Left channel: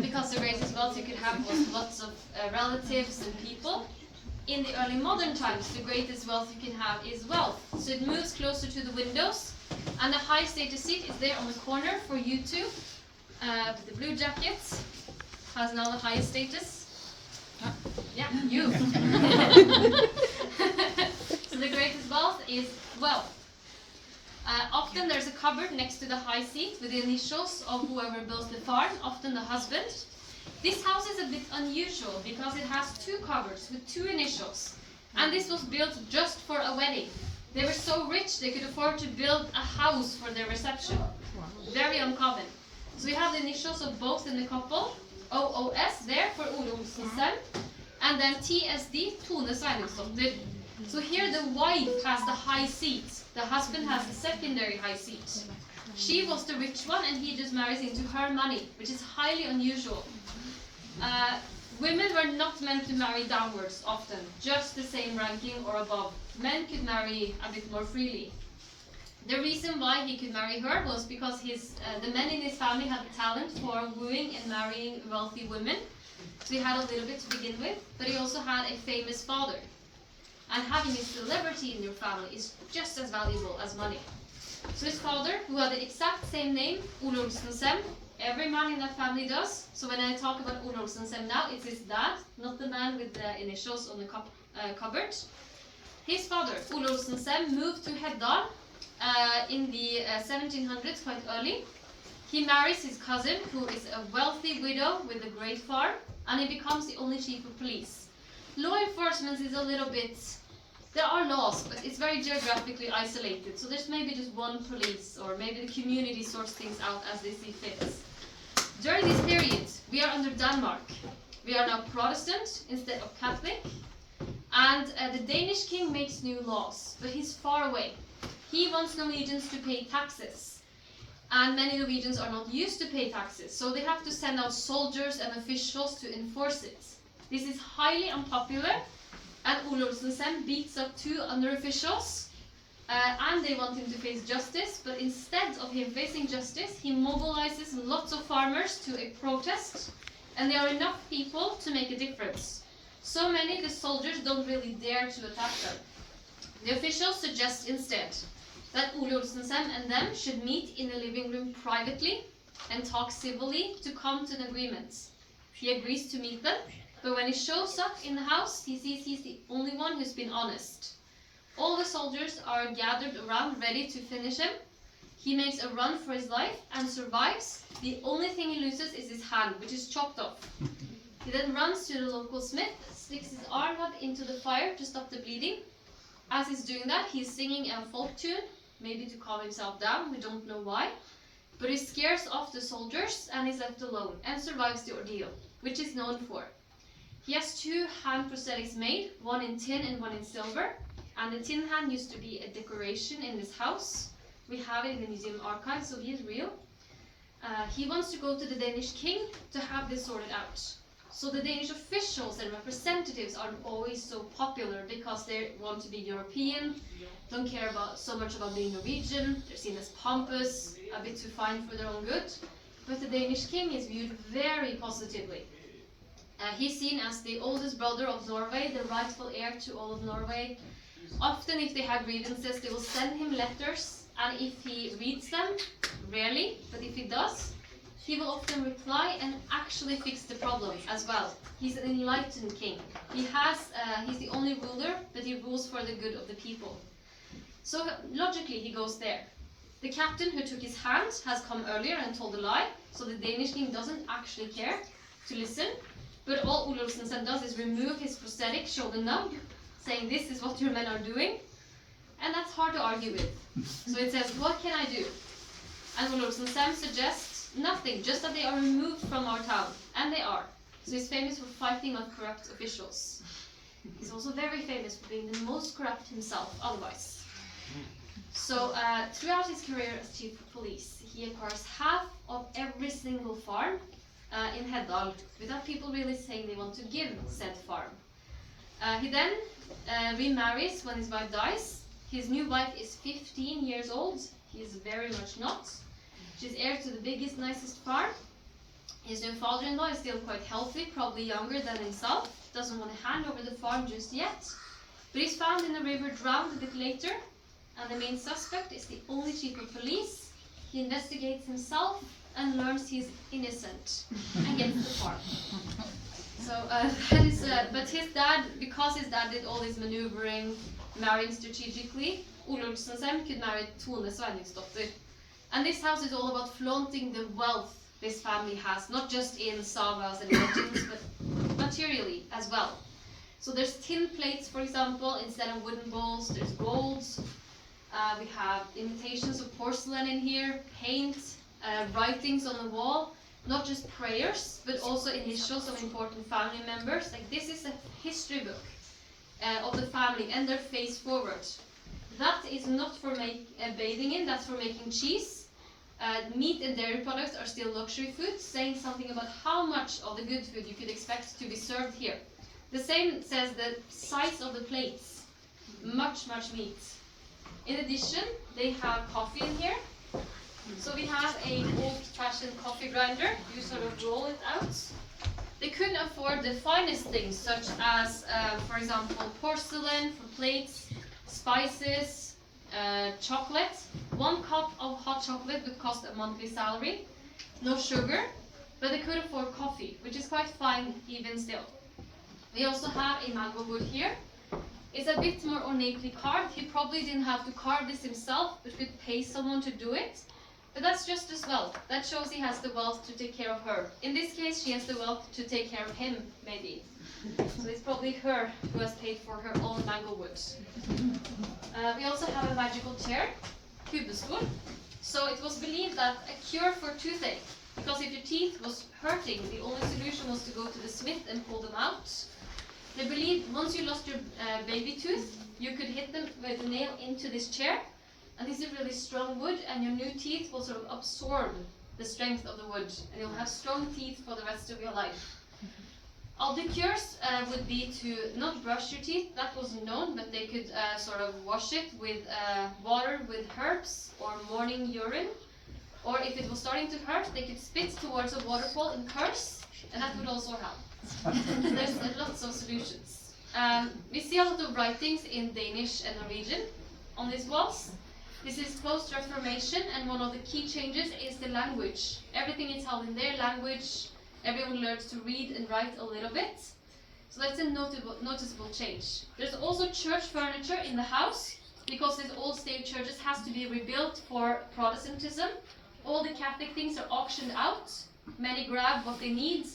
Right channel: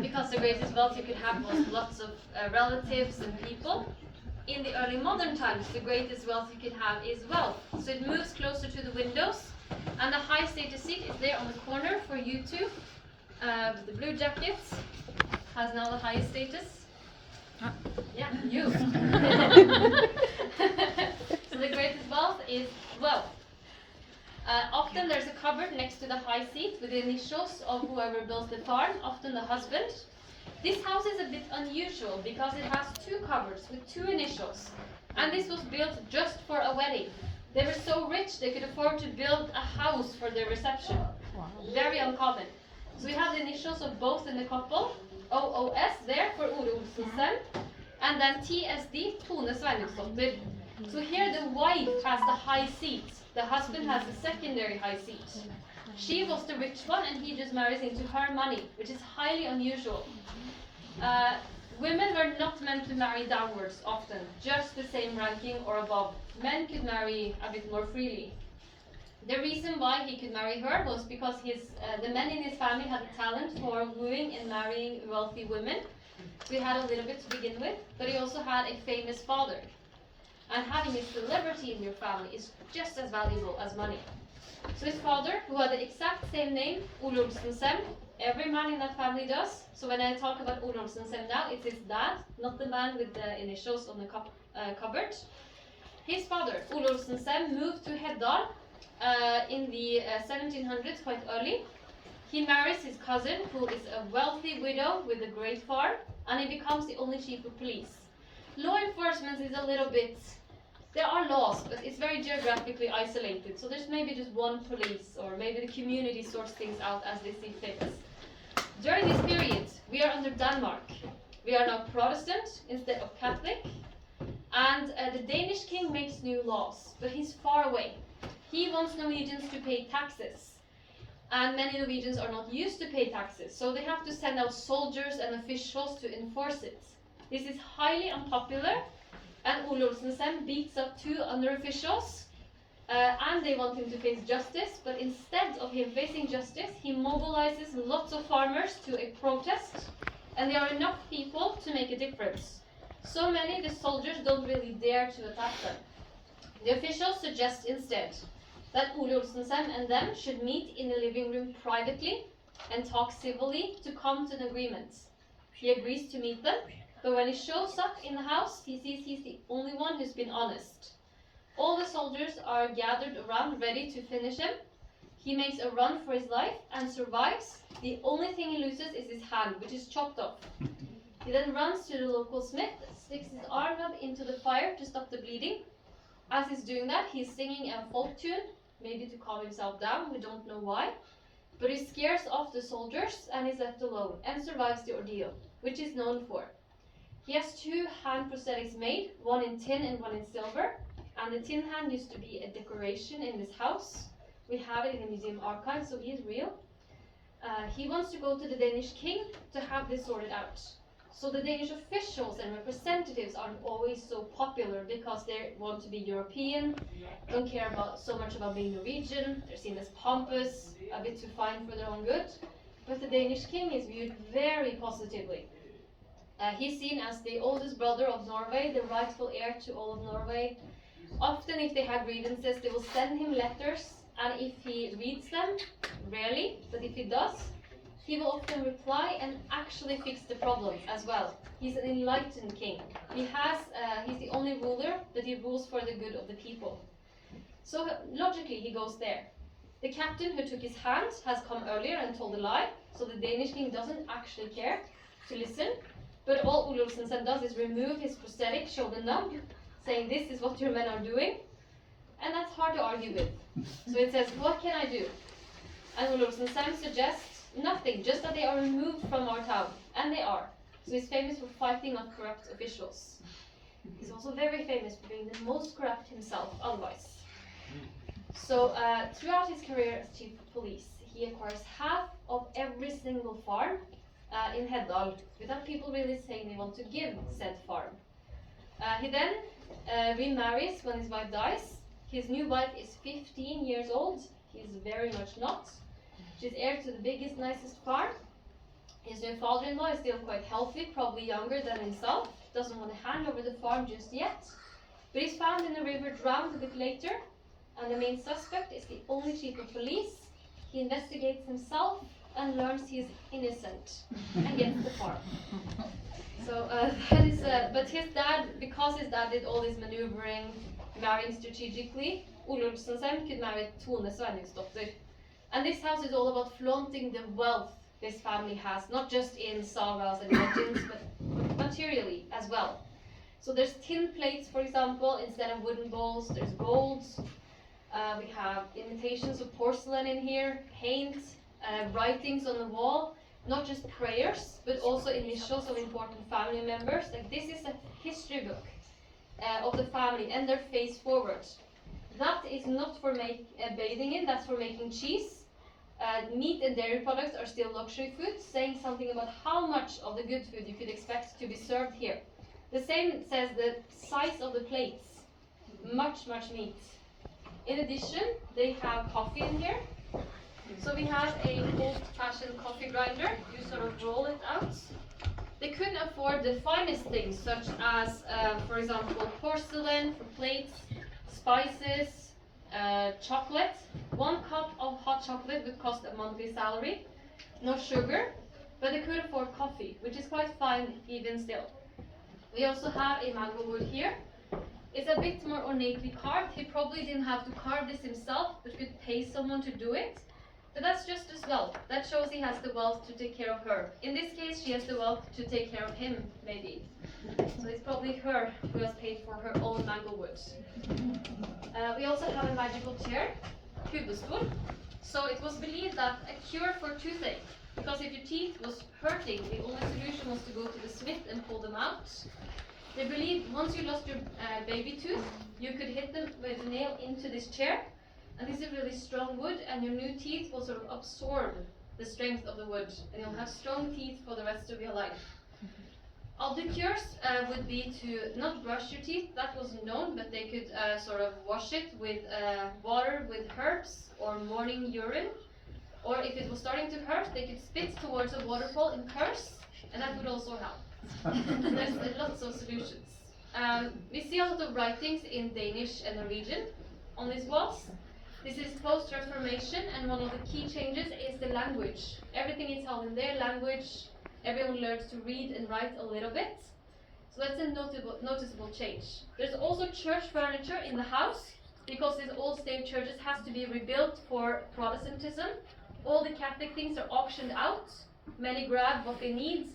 because the greatest wealth you could have was lots of relatives and people. In the early modern times, the greatest wealth you can have is wealth. So it moves closer to the windows, and the high status seat is there on the corner for you two. The blue jackets has now the highest status. Yeah, you. So the greatest wealth is wealth. Often there's a cupboard next to the high seat with the initials of whoever built the farm, often the husband. This house is a bit unusual because it has two cupboards with two initials. And this was built just for a wedding. They were so rich they could afford to build a house for their reception. Very uncommon. So we have the initials of both in the couple. OOS there for Ole Olsen, and then TSD, Tone Sveinungsdotter. So here the wife has the high seat. The husband has the secondary high seat. She was the rich one and he just marries into her money, which is highly unusual. Women were not meant to marry downwards often, just the same ranking or above. Men could marry a bit more freely. The reason why he could marry her was because the men in his family had a talent for wooing and marrying wealthy women. So he had a little bit to begin with, but he also had a famous father. And having a celebrity in your family is just as valuable as money. So his father, who had the exact same name, Ole Olsen-Sem, every man in that family does. So when I talk about Ole Olsen-Sem now, it's his dad, not the man with the initials on the cupboard. His father, Ole Olsen-Sem, moved to Heddal in the 1700s, quite early. He marries his cousin, who is a wealthy widow with a great farm, and he becomes the only chief of police. Law enforcement is a little bit... There are laws, but it's very geographically isolated. So there's maybe just one police, or maybe the community sorts things out as they see fit. During this period, we are under Denmark. We are now Protestant instead of Catholic. And the Danish king makes new laws, but he's far away. He wants Norwegians to pay taxes. And many Norwegians are not used to pay taxes, so they have to send out soldiers and officials to enforce it. This is highly unpopular, and Ole Olsen-Sem beats up two under-officials, and they want him to face justice, but instead of him facing justice, he mobilizes lots of farmers to a protest, and there are enough people to make a difference. So many the soldiers don't really dare to attack them. The officials suggest instead that Ole Olsen-Sem and them should meet in a living room privately and talk civilly to come to an agreement. He agrees to meet them, but when he shows up in the house, he sees he's the only one who's been honest. All the soldiers are gathered around, ready to finish him. He makes a run for his life and survives. The only thing he loses is his hand, which is chopped off. He then runs to the local smith, sticks his arm up into the fire to stop the bleeding. As he's doing that, he's singing a folk tune, maybe to calm himself down, we don't know why. But he scares off the soldiers and is left alone and survives the ordeal, which is known for. He has two hand prosthetics made, one in tin and one in silver. And the tin hand used to be a decoration in this house. We have it in the museum archive, so he is real. He wants to go to the Danish king to have this sorted out. So the Danish officials and representatives aren't always so popular because they want to be European, don't care so much about being Norwegian, they're seen as pompous, a bit too fine for their own good. But the Danish king is viewed very positively. He's seen as the oldest brother of Norway, the rightful heir to all of Norway. Often if they have grievances, they will send him letters, and if he reads them, rarely, but if he does, he will often reply and actually fix the problem as well. He's an enlightened king. He's the only ruler, but he rules for the good of the people. So logically he goes there. The captain who took his hand has come earlier and told a lie, so the Danish king doesn't actually care to listen. But all Ole Olsen-Sem does is remove his prosthetic, show the nub, saying this is what your men are doing. And that's hard to argue with. So it says, what can I do? And Ole Olsen-Sem suggests nothing, just that they are removed from our town. And they are. So he's famous for fighting off corrupt officials. He's also very famous for being the most corrupt himself, otherwise. So throughout his career as chief of police, he acquires half of every single farm in Heddal, without people really saying they want to give said farm. He then remarries when his wife dies. His new wife is 15 years old. He is very much not. She's heir to the biggest, nicest farm. His new father-in-law is still quite healthy, probably younger than himself, doesn't want to hand over the farm just yet, but he's found in the river drowned a bit later, and the main suspect is the only chief of police. He investigates himself and learns he's innocent and gets the farm. So that is, but his dad, because his dad did all his maneuvering, marrying strategically, Ole Olsensen could marry Tone Sveiningsdotter. And this house is all about flaunting the wealth this family has, not just in sagas and legends, but materially as well. So there's tin plates, for example, instead of wooden bowls, there's gold. We have imitations of porcelain in here, paint, writings on the wall, not just prayers, but also initials of important family members. Like, this is a history book of the family and their face forward. That is not for bathing in, that's for making cheese. Meat and dairy products are still luxury foods, saying something about how much of the good food you could expect to be served here. The same says the size of the plates. Much meat. In addition, they have coffee in here. So we have a old-fashioned coffee grinder. You sort of roll it out. They couldn't afford the finest things, such as, for example, porcelain for plates, spices, chocolate. 1 cup of hot chocolate would cost a monthly salary. No sugar, but they could afford coffee, which is quite fine even still. We also have a mango wood here. It's a bit more ornately carved. He probably didn't have to carve this himself, but could pay someone to do it. But that's just as well. That shows he has the wealth to take care of her. In this case, she has the wealth to take care of him, maybe. So it's probably her who has paid for her own mango wood. We also have a magical chair, kubestol. So it was believed that a cure for toothache, because if your teeth was hurting, the only solution was to go to the smith and pull them out. They believed once you lost your baby tooth, you could hit them with a nail into this chair. And this is really strong wood, and your new teeth will sort of absorb the strength of the wood, and you'll have strong teeth for the rest of your life. Other cures would be to not brush your teeth. That wasn't known, but they could sort of wash it with water with herbs or morning urine. Or if it was starting to hurt, they could spit towards a waterfall and curse, and that would also help. There's lots of solutions. We see a lot of writings in Danish and Norwegian on these walls. This is post-Reformation, and one of the key changes is the language. Everything is held in their language. Everyone learns to read and write a little bit. So that's a noticeable change. There's also church furniture in the house, because these old state churches has to be rebuilt for Protestantism. All the Catholic things are auctioned out. Many grab what they need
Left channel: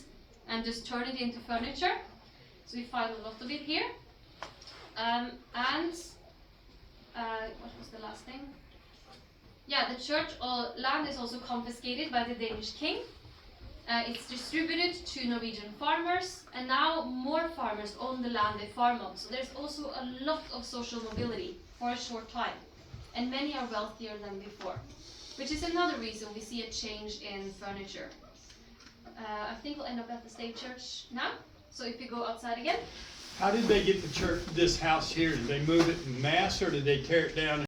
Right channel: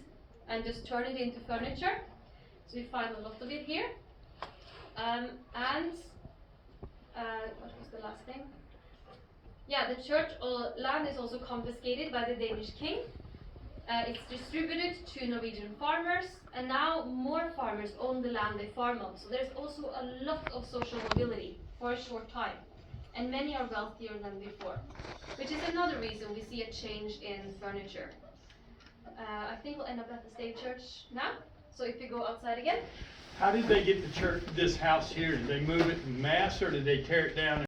and just turn it into furniture. So we find a lot of it here. What was the last thing? Yeah, the church land is also confiscated by the Danish king. It's distributed to Norwegian farmers, and now more farmers own the land they farm on. So there's also a lot of social mobility for a short time, and many are wealthier than before, which is another reason we see a change in furniture. I think we'll end up at the state church now. So if you go outside again. How did they get the church, this house here? Did they move it in mass, or did they tear it down